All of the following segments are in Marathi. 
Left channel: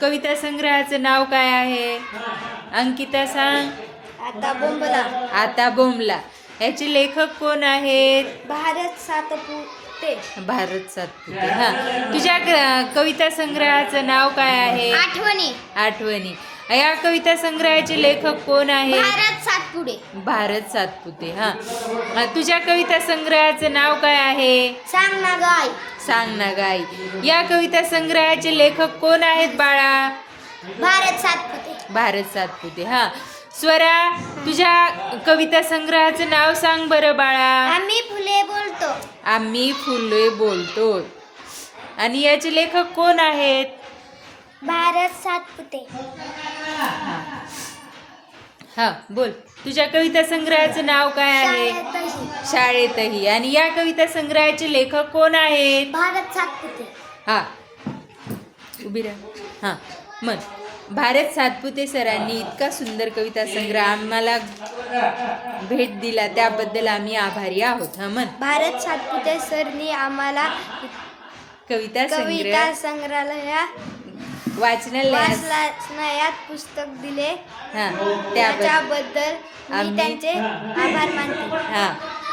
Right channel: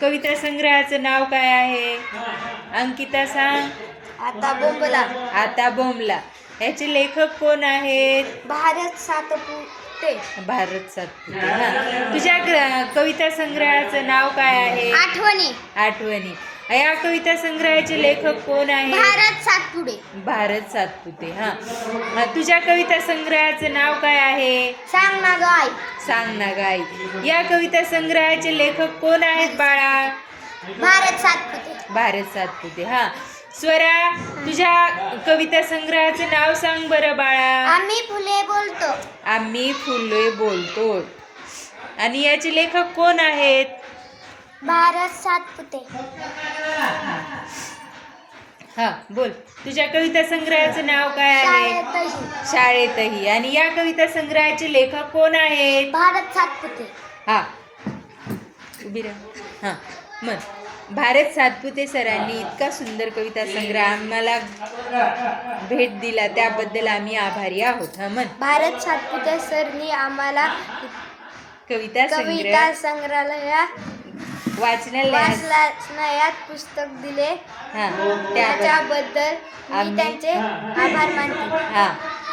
कविता संग्रहाचं नाव काय आहे? अंकिता सांग. आता बोंबला. आता बोमला याचे लेखक कोण आहेत? भारत सातपुते. भारत सातपुते हा. तुझ्या कविता संग्रहाचं नाव काय आहे? आठवणी. आठवणी. या कविता संग्रहाचे लेखक कोण आहे भारत सातपुडे भारत सातपुते हा तुझ्या कविता संग्रहाचं नाव काय आहे? सांग. गाय सांग ना या कविता संग्रहाचे लेखक कोण आहेत बाळा? भारत सातपुते. भारत सातपुते हा. स्वरा तुझ्या कविता संग्रहाचं नाव सांग बरं बाळा. आम्ही फुले बोलतो. आम्ही फुले बोलतो. आणि याचे लेखक कोण आहेत? भारत सातपुते. हा बोल. तुझ्या कविता संग्रहाचं नाव काय आहे? शाळेतही. आणि या कविता संग्रहाचे लेखक कोण आहेत भारत सातपुते. हा. उभी राहा. हा. मन भारत सातपुते सरांनी इतका सुंदर कविता संग्रह आम्हाला भेट दिला. त्याबद्दल आम्ही आभारी आहोत. हा मन भारत सातपुते सरनी आम्हाला कविता संग्रह. कविता संग्रहालयात वाचनालयात पुस्तक दिले. हा त्याबद्दल. त्याच्याबद्दल मी आम्ही- त्यांचे आभार मानते. हा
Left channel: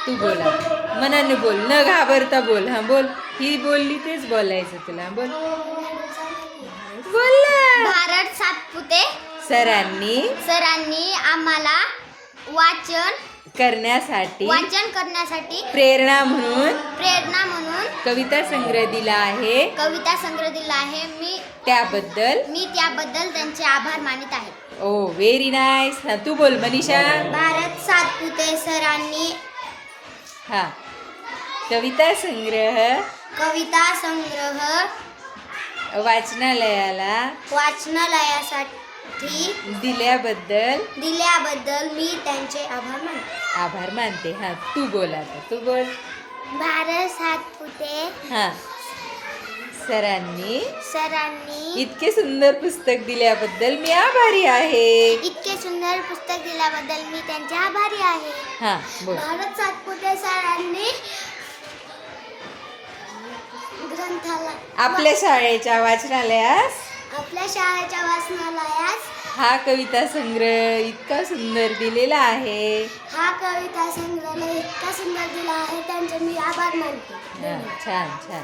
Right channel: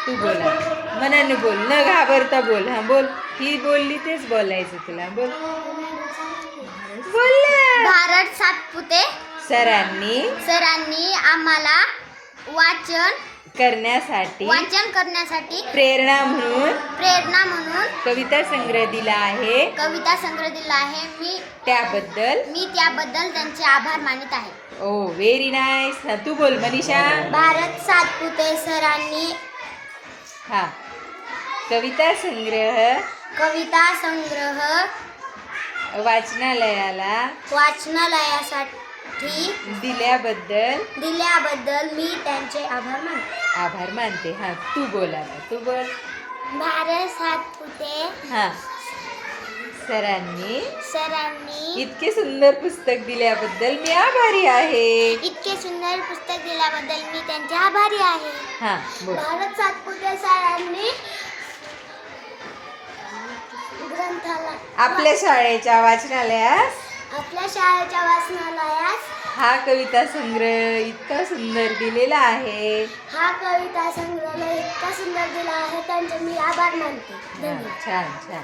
तू बोला. मनाने बोल. न घाबरता बोल. हा बोल. ही बोलली तेच बोलायचं तुला. बोल. बोल ना. भारत सातपुते. सरांनी. सरांनी आम्हाला वाचन करण्यासाठी वाचन करण्यासाठी प्रेरणा म्हणून प्रेरणा म्हणून कविता संग्रह दिला आहे. कविता संग्रह दिला आहे. मी त्याबद्दल? मी त्याबद्दल त्यांचे आभार मानित आहे. ओ व्हेरी नाईस हा तू बोल मनीषा. भारत सातपुते सरांनी हा. कविता संग्रह. कविता संग्रह वाचनालयाला वाचनालयासाठी दिल्याबद्दल दिल्याबद्दल मी त्यांचे आभार मानते. आभार मानते. हा तू बोल तू बोल. भारत सातपुते हा. सरांनी सरांनी इतके सुंदर पुस्तक दिल्याबद्दल मी आभारी आहे. इतके सुंदर पुस्तक दिल्याबद्दल मी त्यांचे आभारी आहे. हा बोल. भारत सातपुते सरांनी आपल्या शाळेच्या वाचनालयास? आपल्या शाळेच्या वाचनालयात हा कविता संग्रह इतका सुंदर दिलेला आहे. हा कविता संग्रहालय इतका सुंदर दिला आहे त्यांचे मी आभार मानते. छान छान.